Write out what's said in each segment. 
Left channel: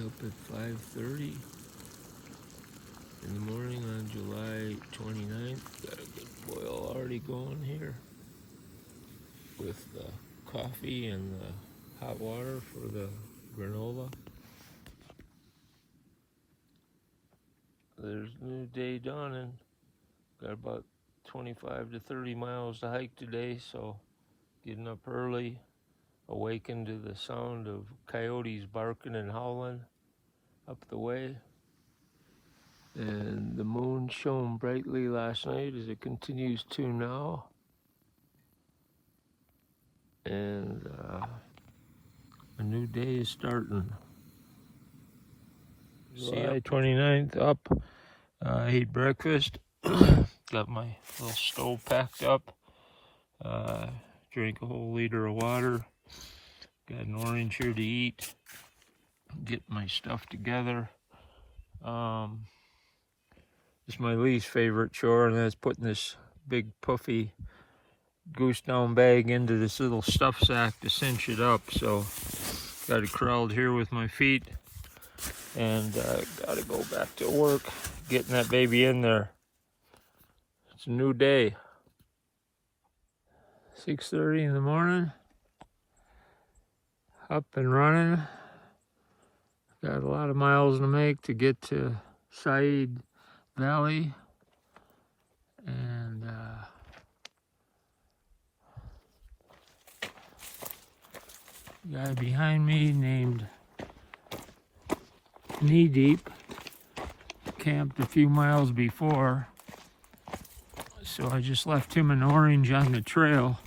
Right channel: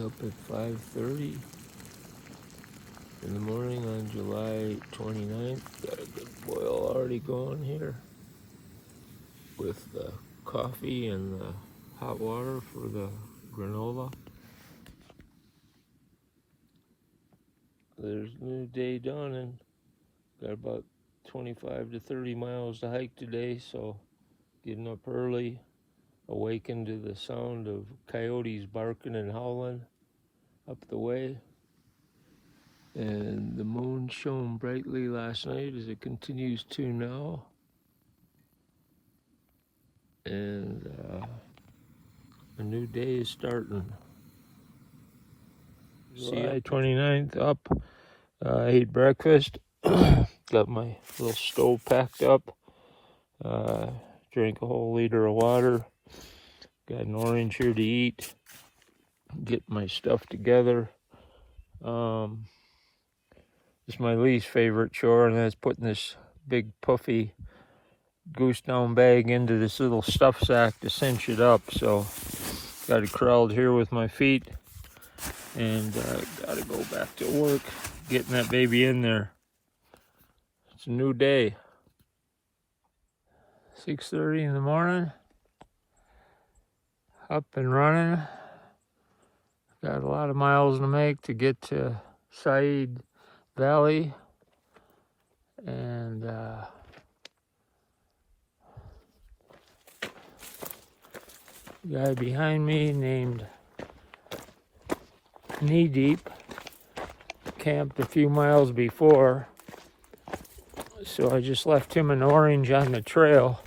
Up at 5:30 in the morning on July 29th. Got a good boil already going here with the coffee and the hot water for the granola. There's a new day dawning. Got about 25 to 30 miles to hike today, so getting up early, awakened to the sound of coyotes barking and howling up the way. And the moon shone brightly last night as it continues to now. And a new day is starting. July 29th up. I ate breakfast. Got my little stove packed up. Drank a whole liter of water. Got an orange here to eat. Get my stuff together. It's my least favorite chore, and that's putting this big puffy goose down bag into this little stuff sack to cinch it up. So got it corralled here with my feet, and gotta go back to work getting that baby in there. It's a new day. 6:30 in the morning, up and running. Got a lot of miles to make to get to Seiad Valley, and guy behind me named Knee Deep camped a few miles before, so I just left him an orange on the trail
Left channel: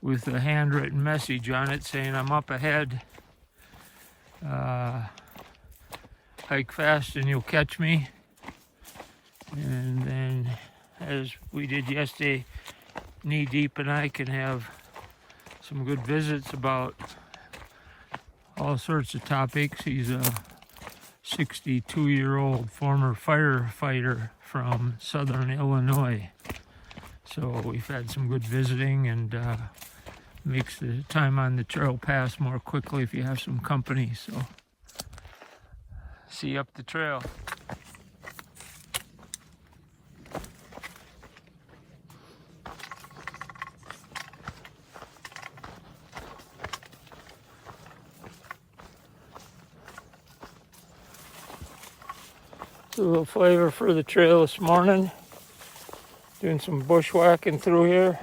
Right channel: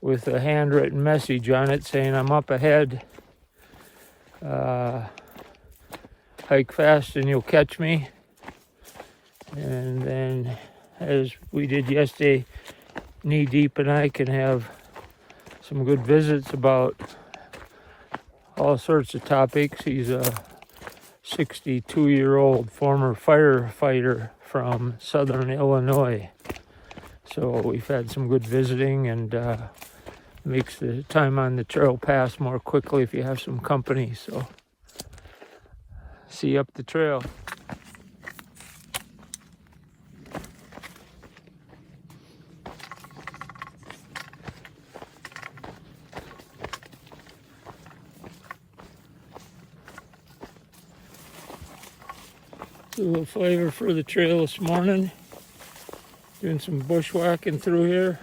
with a handwritten message on it saying I'm up ahead. Hike fast and you'll catch me. And then, as we did yesterday, Knee Deep and I can have some good visits about all sorts of topics. He's a 62-year-old former firefighter from southern Illinois. So we've had some good visiting, and makes the time on the trail pass more quickly if you have some company. So see you up the trail. A little flavor for the trail this morning. Doing some bushwhacking through here.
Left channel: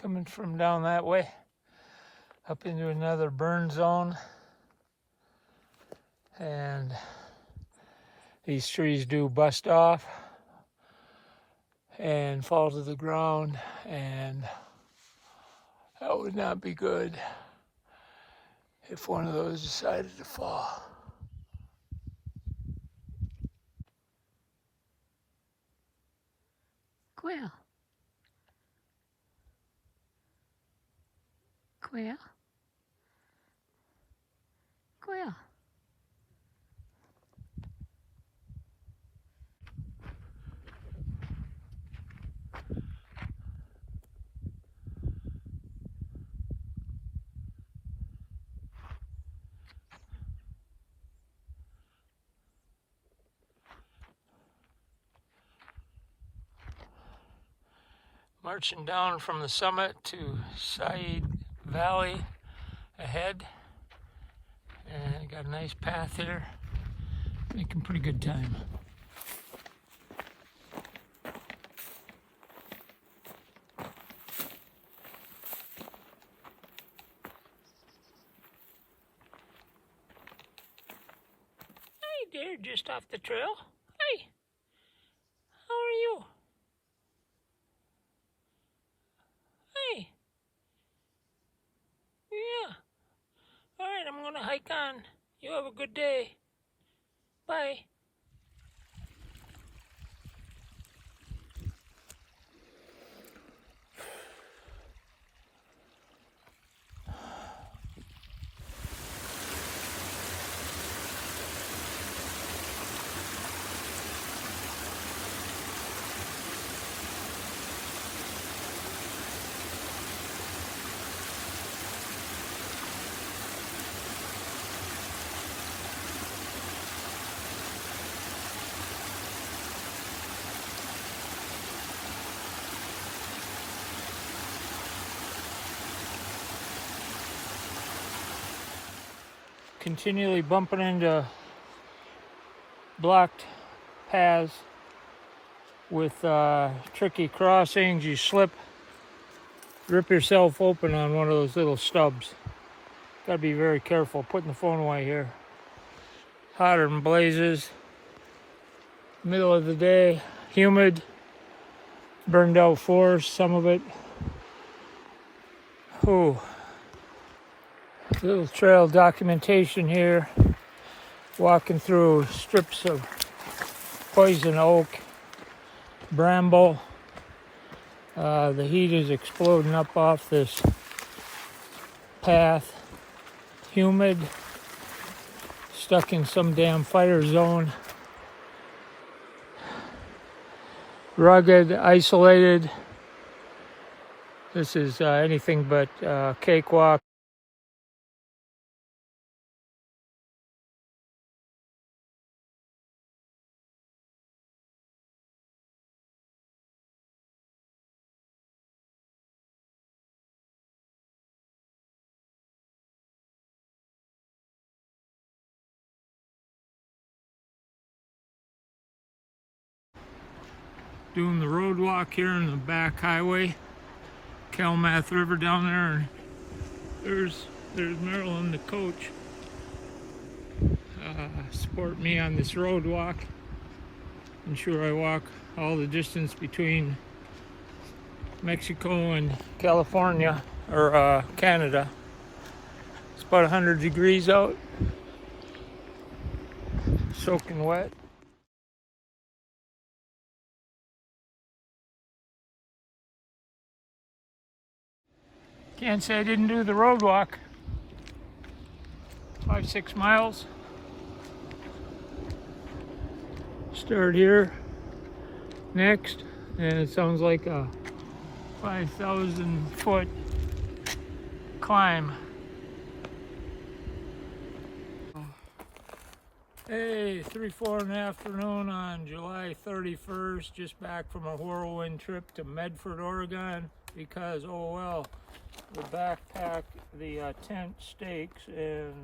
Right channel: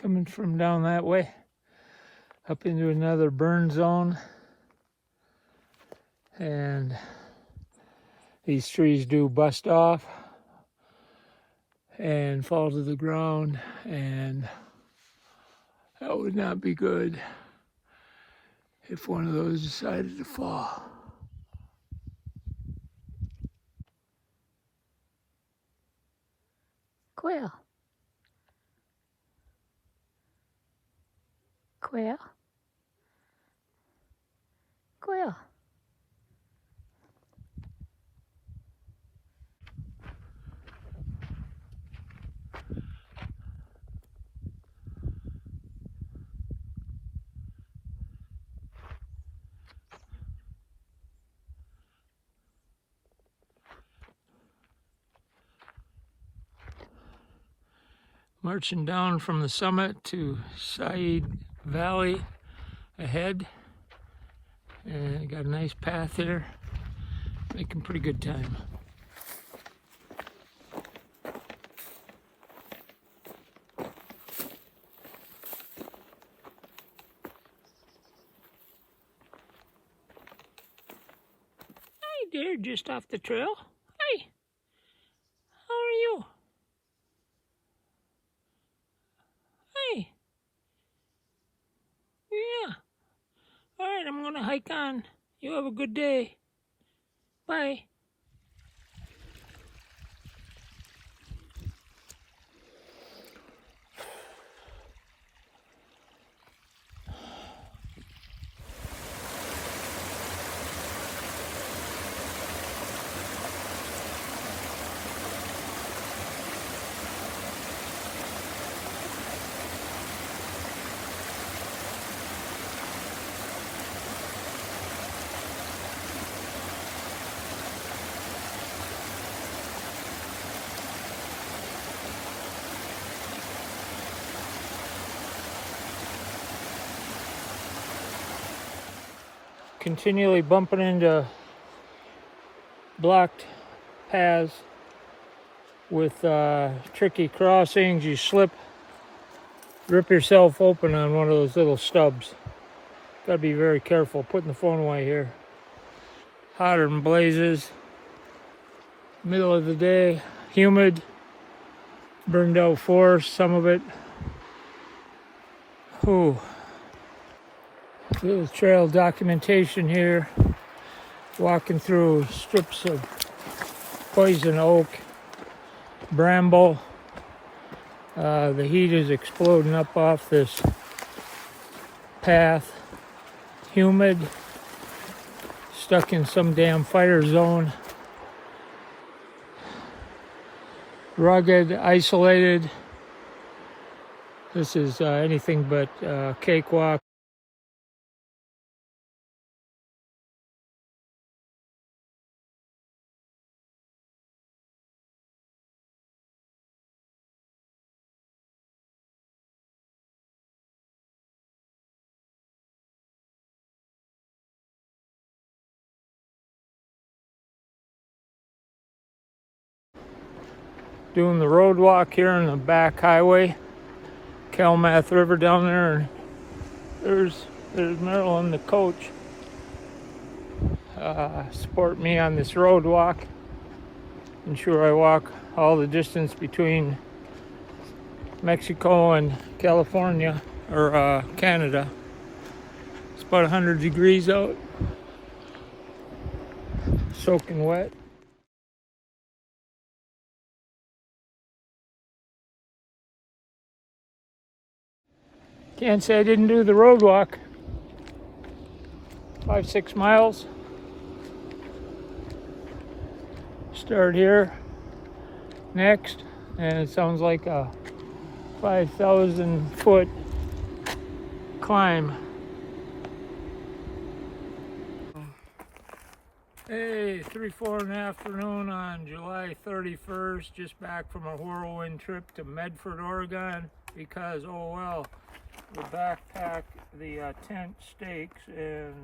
Coming from down that way, up into another burn zone. And these trees do bust off and fall to the ground, and that would not be good if one of those decided to fall. Quail. Quail. Quail. Marching down from the summit to Seiad Valley ahead. Got a nice path here. Making pretty good time. Hey dear, just off the trail. Hey, how are you? Hey. Yeah. All right, I'm gonna hike on. You have a good day. Bye. Continually bumping into blocked paths with tricky crossings. You slip, rip yourself open on one of those little stubs. Gotta be very careful. Putting the phone away here. Hotter than blazes. Middle of the day, humid, burned out forest, some of it. Ooh. Little trail documentation here. Walking through strips of poison oak, bramble. The heat is exploding up off this path. Humid. Stuck in some damn fire zone. Rugged, isolated. This is anything but cakewalk. Doing the road walk here on the back highway, Kalamath River down there, and there's Marilyn, the coach, support me on this road walk. I'm sure I walk all the distance between Mexico and California, or Canada. It's about 100 degrees out, soaking wet. Can't say I didn't do the road walk. 5-6 miles. Start here, next, and it sounds like a 5,000 foot climb. Hey, 3-4 in the afternoon on July 31st, just back from a whirlwind trip to Medford, Oregon, because, oh well, the backpack, the tent stakes and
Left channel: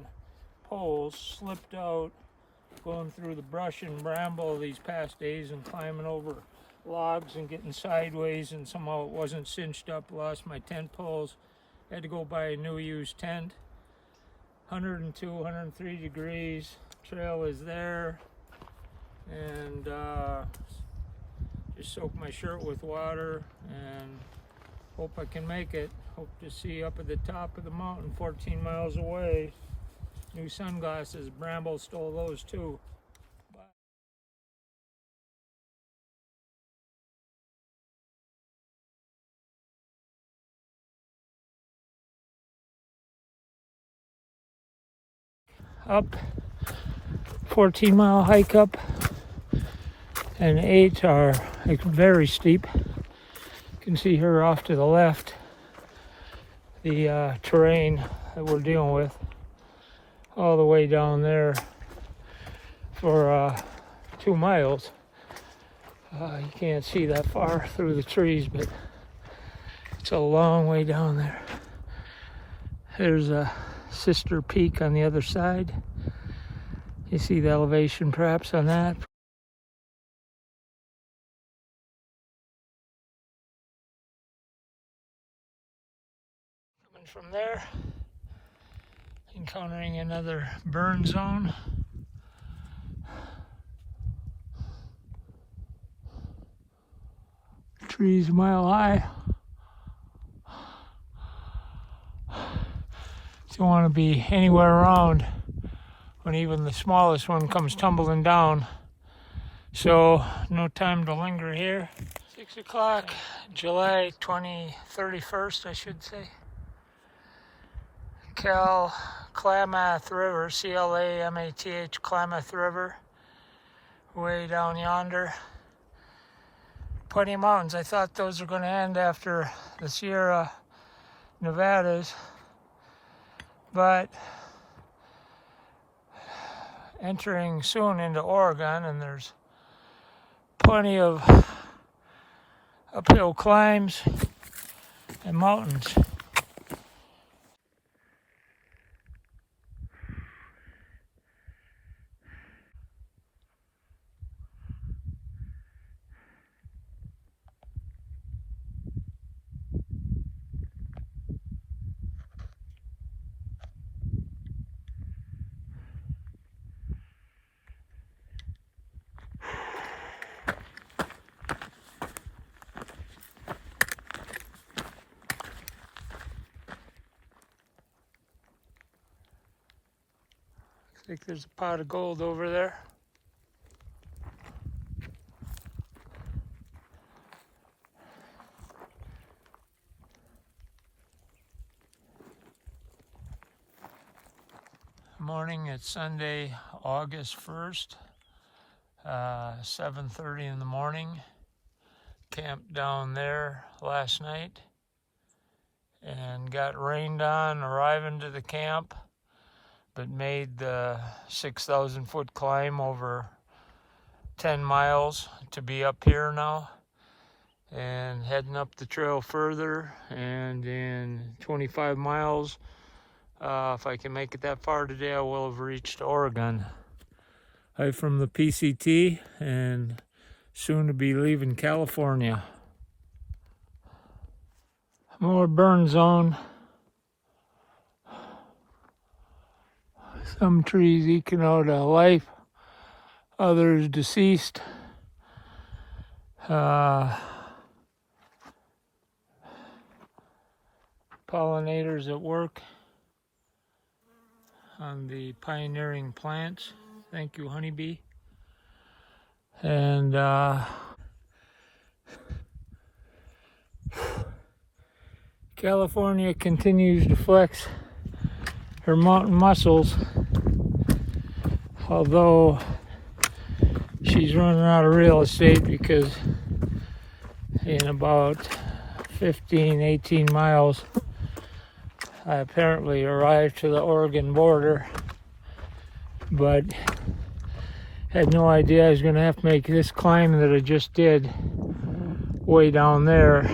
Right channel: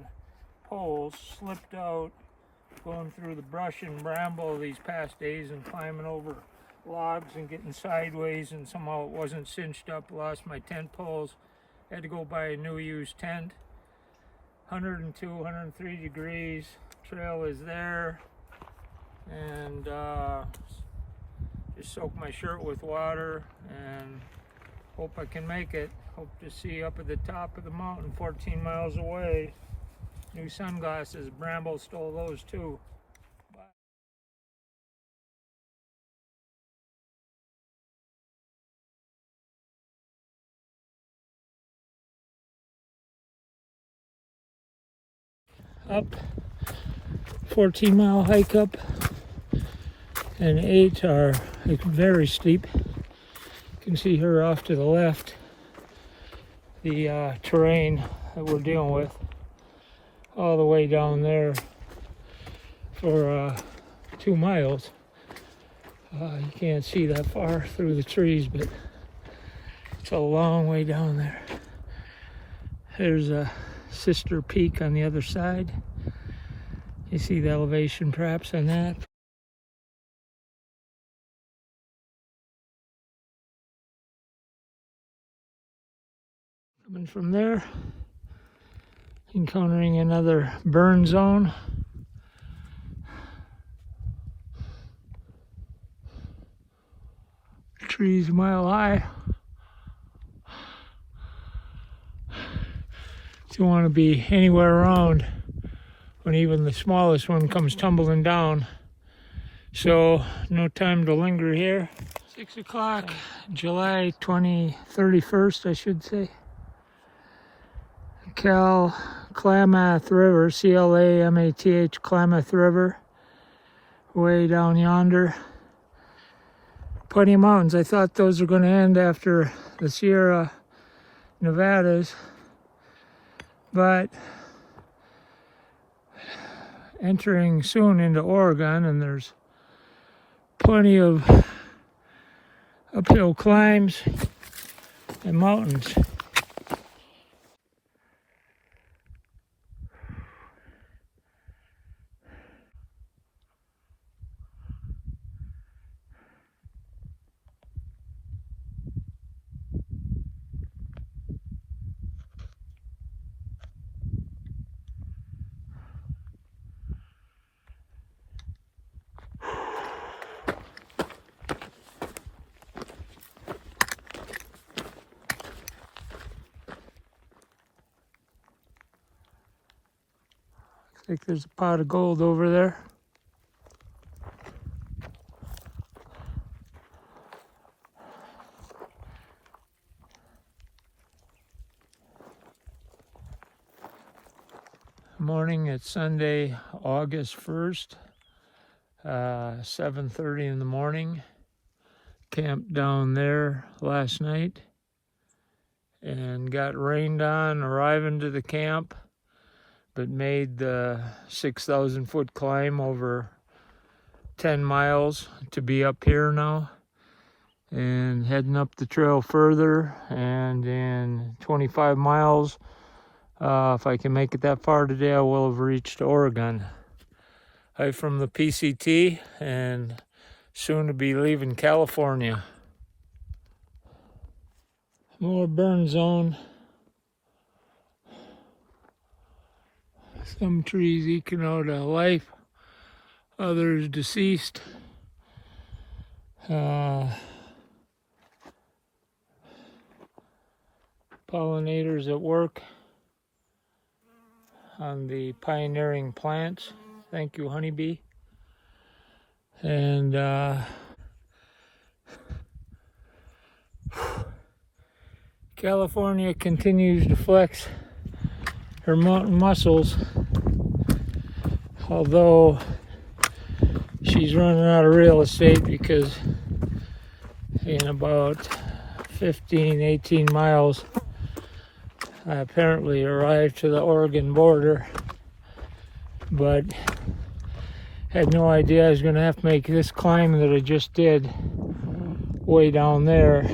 poles slipped out going through the brush and bramble these past days and climbing over logs and getting sideways, and somehow it wasn't cinched up. Lost my tent poles. Had to go buy a new used tent. 102, 103 degrees. Trail is there, and just soak my shirt with water and hope I can make it. Hope to see up at the top of the mountain 14 miles away. New sunglasses. Bramble stole those too. Up, 14-mile hike up, and 8 are very steep. You can see her off to the left, the terrain that we're dealing with, all the way down there for 2 miles. You can't see that far through the trees, but it's a long way down there. There's a sister peak on the other side. You see the elevation perhaps on that. Coming from there, encountering another burn zone. Trees a mile high. Don't want to be anywhere around when even the smallest one comes tumbling down. So no time to linger here. 6 o'clock, July 31st, I should say. Klamath River, Klamath, Klamath River, way down yonder. Plenty of mountains. I thought those were going to end after the Sierra Nevadas, but entering soon into Oregon, and there's plenty of uphill climbs and mountains. I think there's a pot of gold over there. Morning, it's Sunday, August 1st, 7:30 in the morning. Camped down there last night and got rained on arriving to the camp, but made the 6,000 foot climb over 10 miles to be up here now, and heading up the trail further, and in 25 miles, if I can make it that far today, I will have reached Oregon. I'm from the PCT and soon to be leaving California. More burn zone. Some trees eking out a life, others deceased. Pollinators at work on the pioneering plants. Thank you, honeybee. And California continues to flex her mountain muscles, although she's running out of real estate because in about 18 miles I apparently arrived to the Oregon border, but had no idea I was going to have to make this climb that I just did way down there.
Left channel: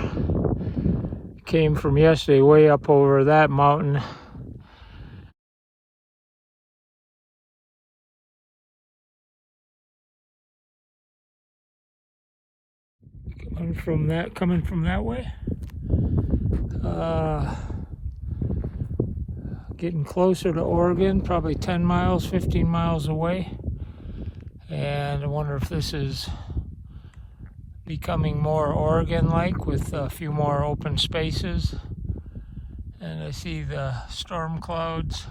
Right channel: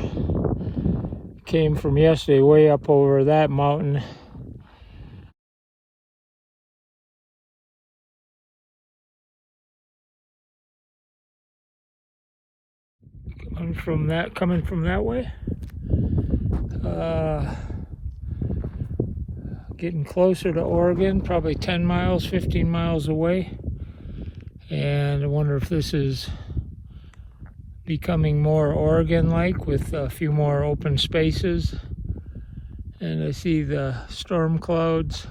Came from yesterday way up over that mountain. Coming from that way. Getting closer to Oregon, probably 10 miles, 15 miles away. And I wonder if this is becoming more Oregon-like with a few more open spaces. And I see the storm clouds,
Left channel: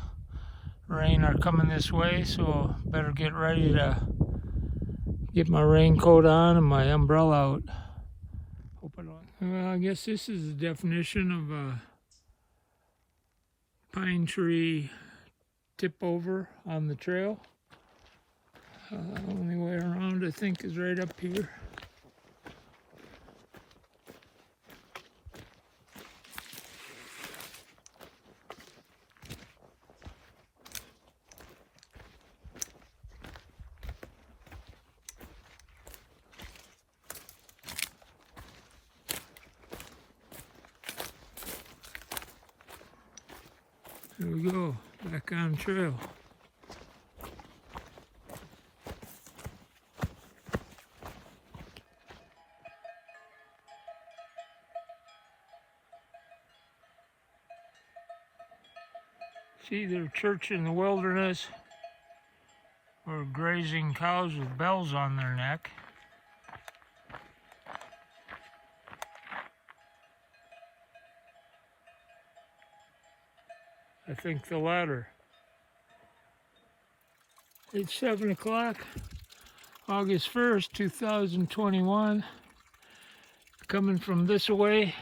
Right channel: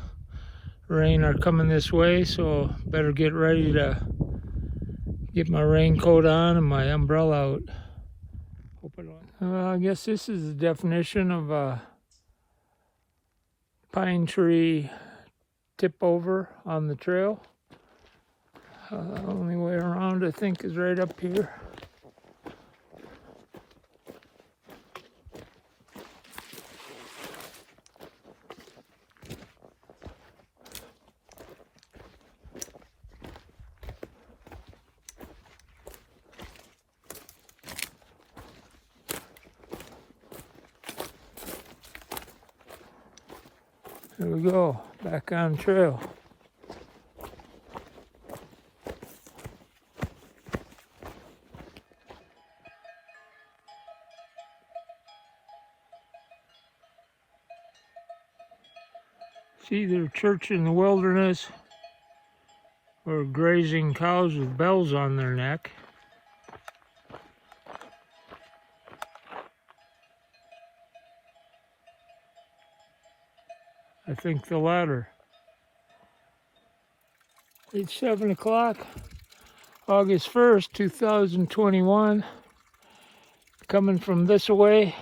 rain are coming this way, so better get ready to get my raincoat on and my umbrella out. Well, I guess this is the definition of a pine tree tip over on the trail. Only way around, I think, is right up here. There we go, back on trail. It's either church in the wilderness or grazing cows with bells on their neck. I think the latter. It's 7 o'clock, August 1st, 2021. Coming from this way.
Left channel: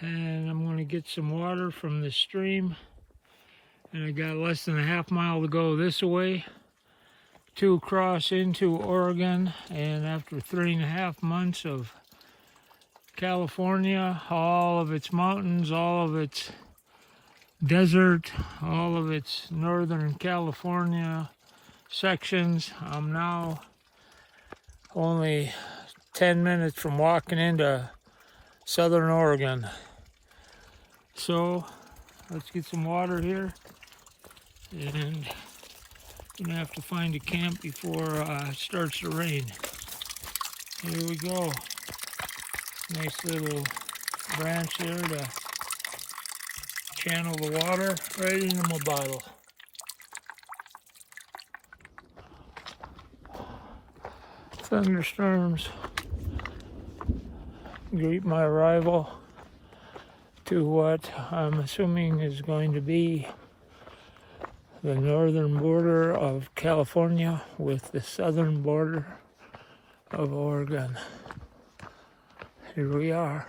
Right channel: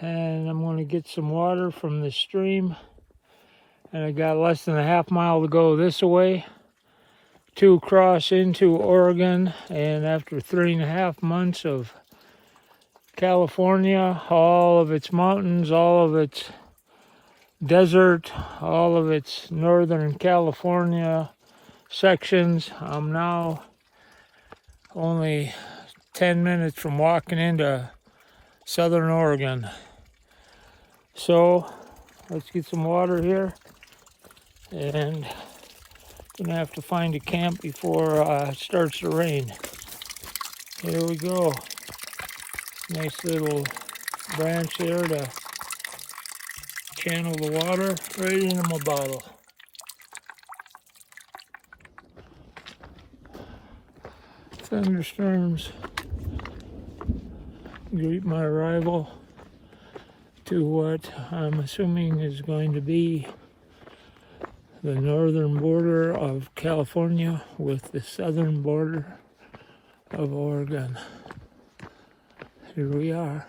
And I'm going to get some water from the stream. And I got less than a half mile to go this way to cross into Oregon. And after 3.5 months of California, all of its mountains, all of its desert, all of its northern California sections, I'm now only 10 minutes from walking into southern Oregon. So let's get some water here, and gonna have to find a camp before it starts to rain. Here we go. Nice little branch there to channel the water right into my bottle. Thunderstorms greet my arrival to what I'm assuming is going to be the northern border of California with the southern border of Oregon. Here we are.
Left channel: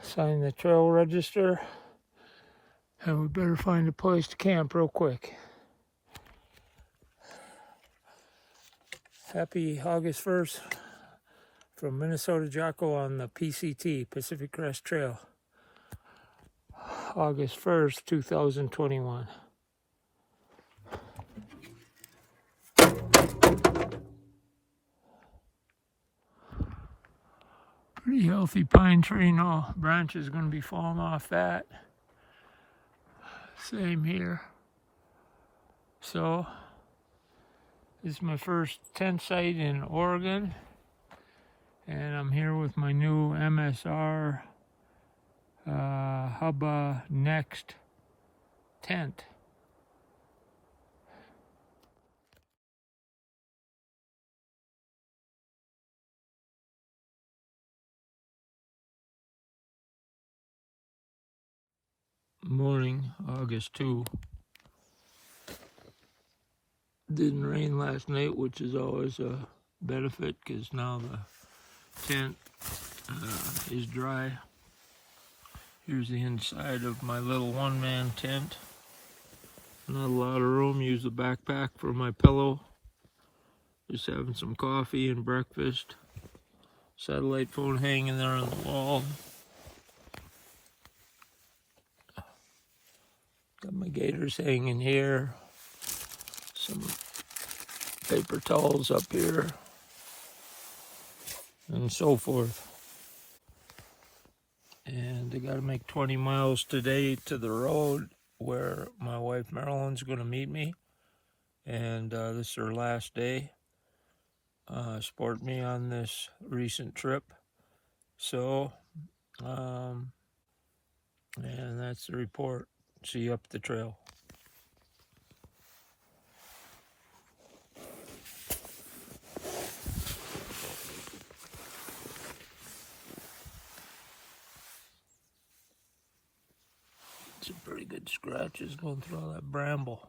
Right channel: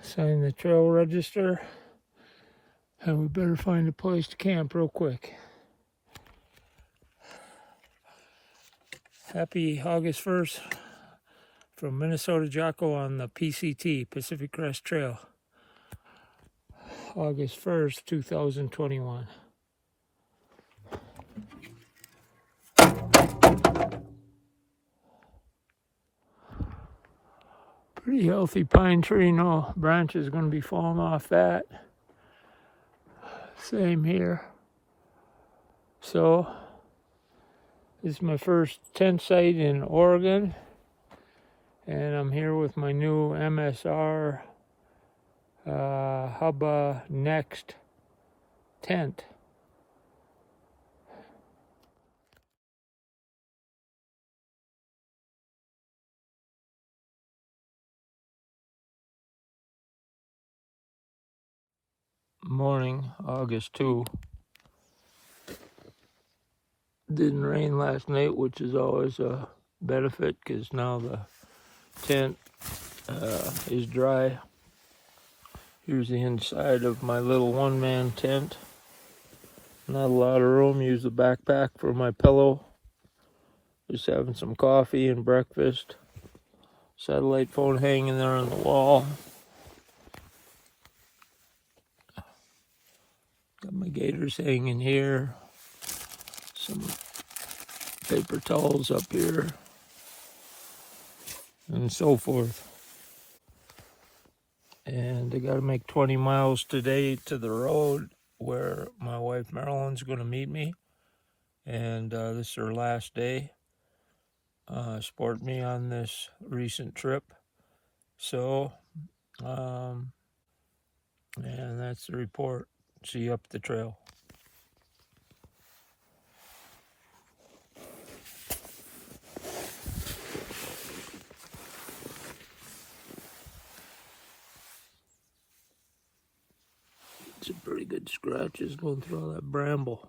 Sign the trail register, and we better find a place to camp real quick. Happy August 1st from Minnesota Jocko on the PCT, Pacific Crest Trail. August 1st, 2021. Pretty healthy pine tree, no branches going to be falling off that. Same here. So, this is my first tent site in Oregon, and I'm here with my new MSR Hubba Next tent. Morning, August 2. Didn't rain last night, which is always a benefit because now the tent is dry. Here's the inside of my little one-man tent. Not a lot of room. Use the backpack for my pillow. Just having some coffee and breakfast. Satellite phone hanging there on the wall. Got my gaiters hanging here. Some paper towels up here. And so forth. And I gotta make 20 miles today to the road where my wife Marilyn's gonna meet me. And this is her last day. Support me on this recent trip. So, and that's the report. See you up the trail. Some pretty good scratches going through all that bramble.